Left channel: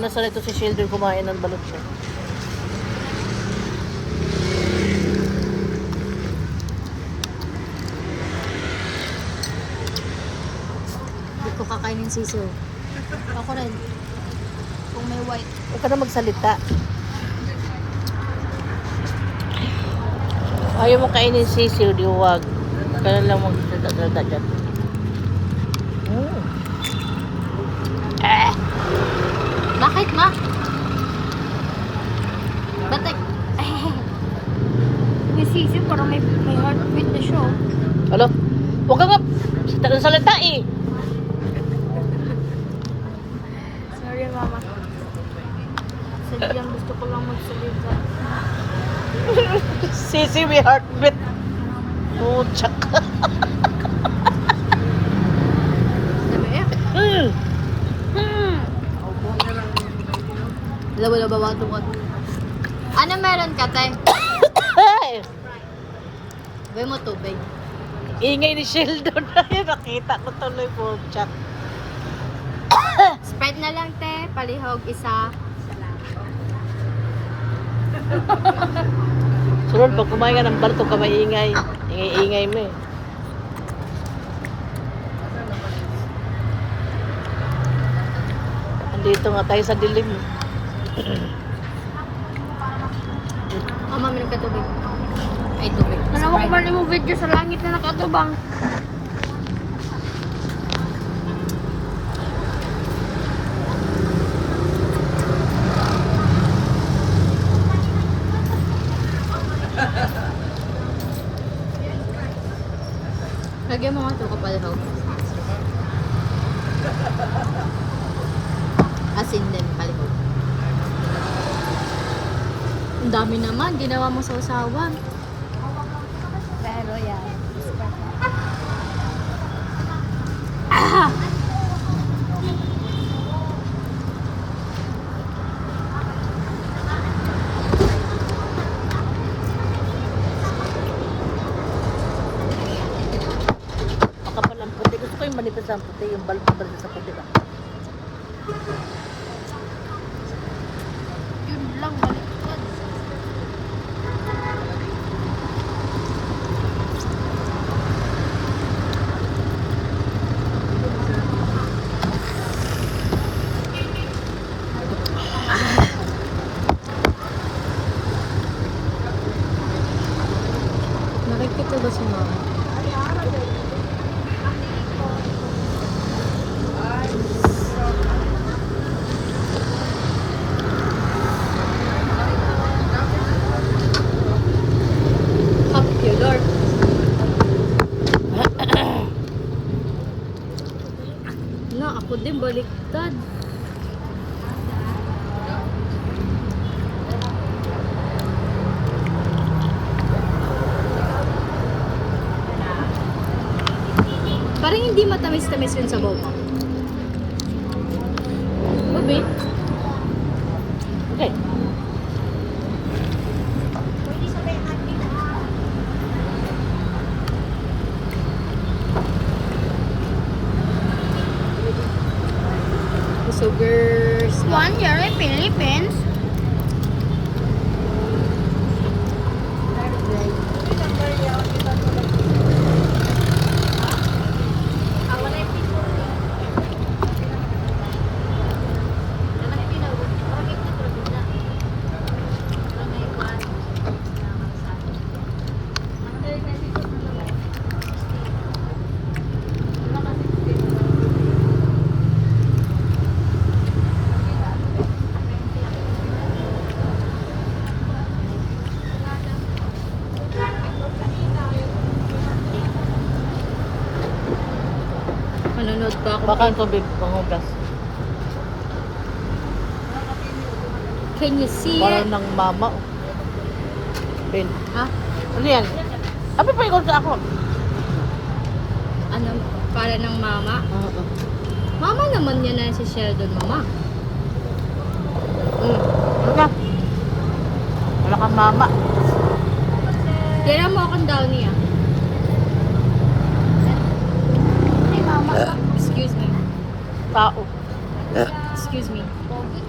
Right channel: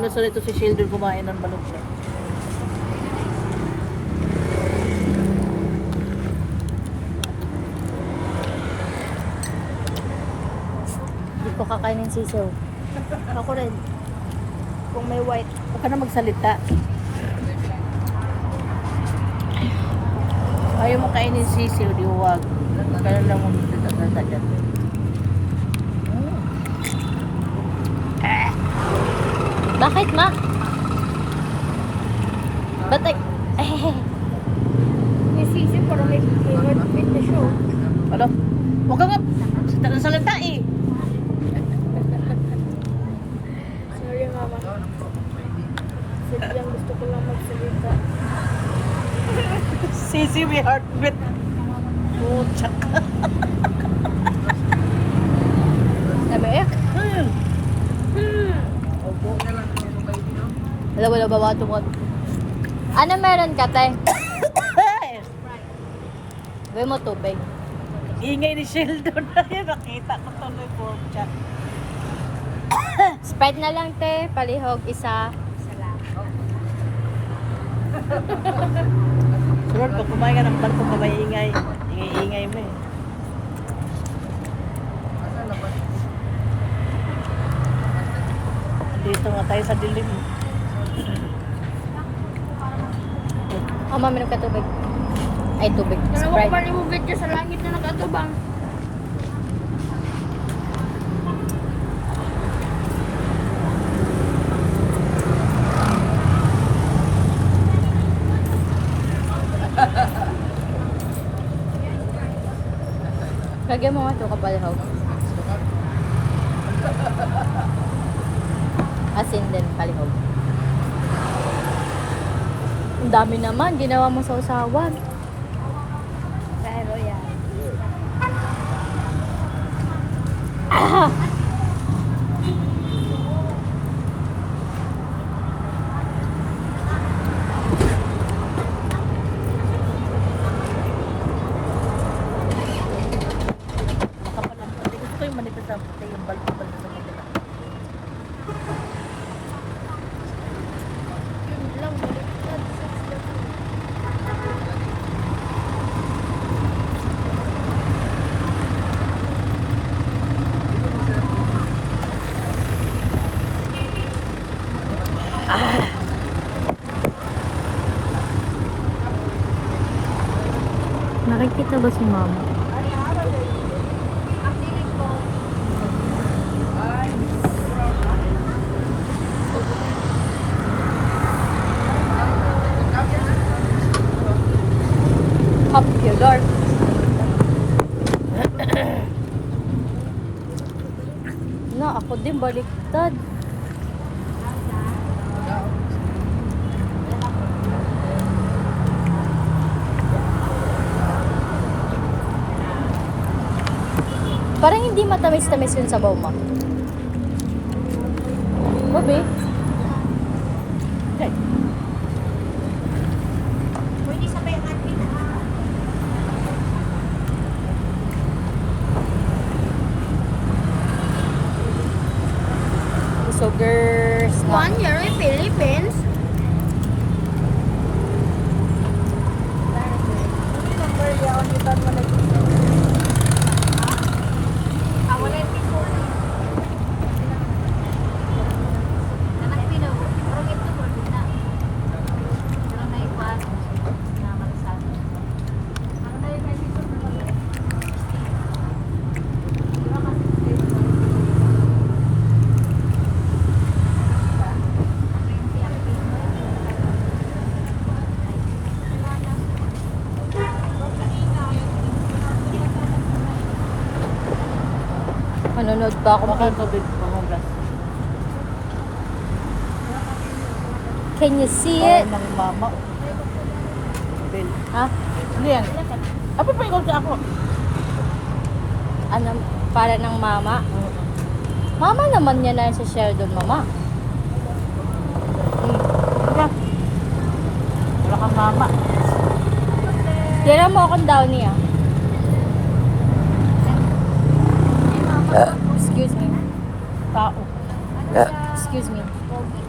Nasa ko si Sheldon kumain ng balot siya. Hindi ko kakainin sisiw. Ako rin. Kung may white. Huwag ka na magsalita. Ayaw mo kainin sisiw, di huwag. Huwag ka na lang magsalita dyan. Bakit, ma? Ba't may sisiw, parang may heartbeat na siya. Alo? Huwag ka nga salita eh. Sorry, mama. Sadyang gusto ko lang magsalita. Sisiw may heartbeat. Oh, tsak. Sabi eh? Opo. Wala bawa tungkol. Ano meron ka, tay? Gawin mo tubig. Ingay ni Sheldon. Ay, nakita ko tuloy po, tsak. Spread na lang, te. Palihog, isa. Sunod, pag kumain ka ng balto ka maingay. Ingay-ingay mo eh. Dito nga tayo sa dilim. Mama, meron ka tubig. Ay, tubig. Dalawa ko Sprite. mali mo video sa langit na nakatubang. Lagyan mo nga ito kapalihog. Asin din, palihog. Ang dami naman, ginawa mo sa usawan. Pero yan. Ah! Makapal ang puti. Gusto ko yung manipis ang puti. Yung balto sa puti. Yun lang, baliktad. Nakikita ba si mama? Popular. Na, ako din baliktad. Parang hindi matamis-tamis yung sabaw mo. Babi? Okay. Sugars. 1 year in Philippines. Nanonood pa ako. Baka tubig, pangugas. Can you see it? Parang ng mama. Ben. Ha? Ano yan? Sabi pa ikot ka ako. Ano? Para ng mama? Mama naman yan na si Sheldon, mama. Ano ka? Wala kang mama. Tira mo akong downy ah. Excuse me. Tao. Excuse me. Pogi.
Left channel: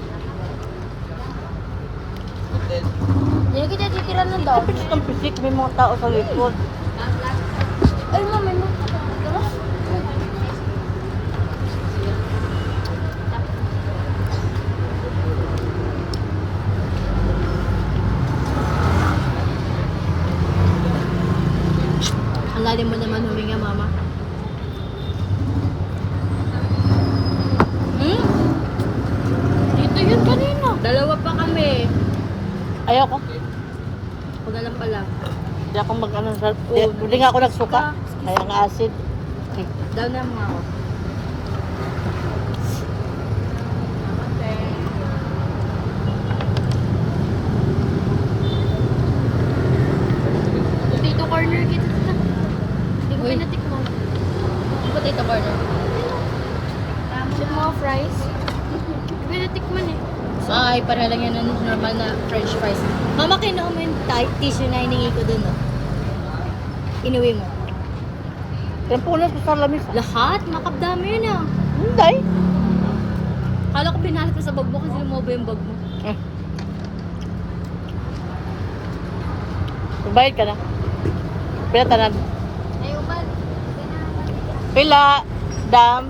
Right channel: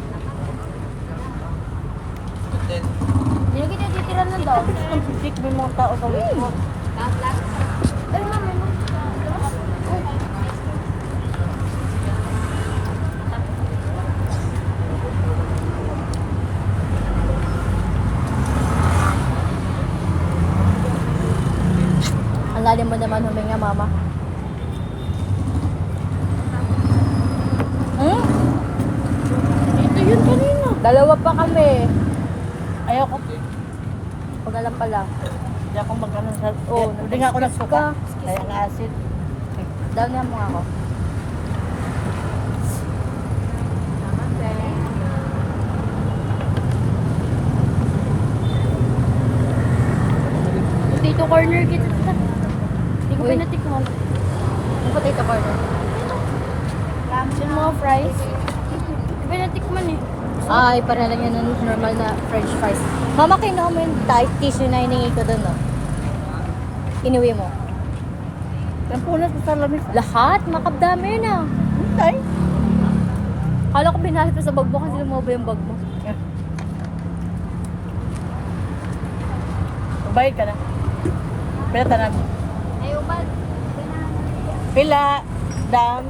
daw. Pisik ang pisik, may mga tao sa likod. Ay, mama, no. Tara. Ang lalim mo naman huminga, mama. Hmm? Dito yun kanina. Dalawa pa kami. Ayoko. Huwag na lang pala. Hindi ako mag-ano sa... Oo, Hindi nga ako nagsuka. excuse Kaya nga acid. Dahil nga mo ako. Potato corner kita. Hindi ko Uy. pa natikman. Ang potato corner. Yung mga fries. Hindi ko pa natikman eh. Ay, para lang yun ng normal na french fries. Mama, kinuha mo yung tissue na hiningi ko doon, no? Inuwi mo. Tempunan ko sa lamis. Lahat? Makabdami yun, ah. Hindi. Kala ko binalat ko sa bag mo kasi lumaba yung bag mo. Bayad ka na. Pila tanan. Ayaw ba? Pila. Dam.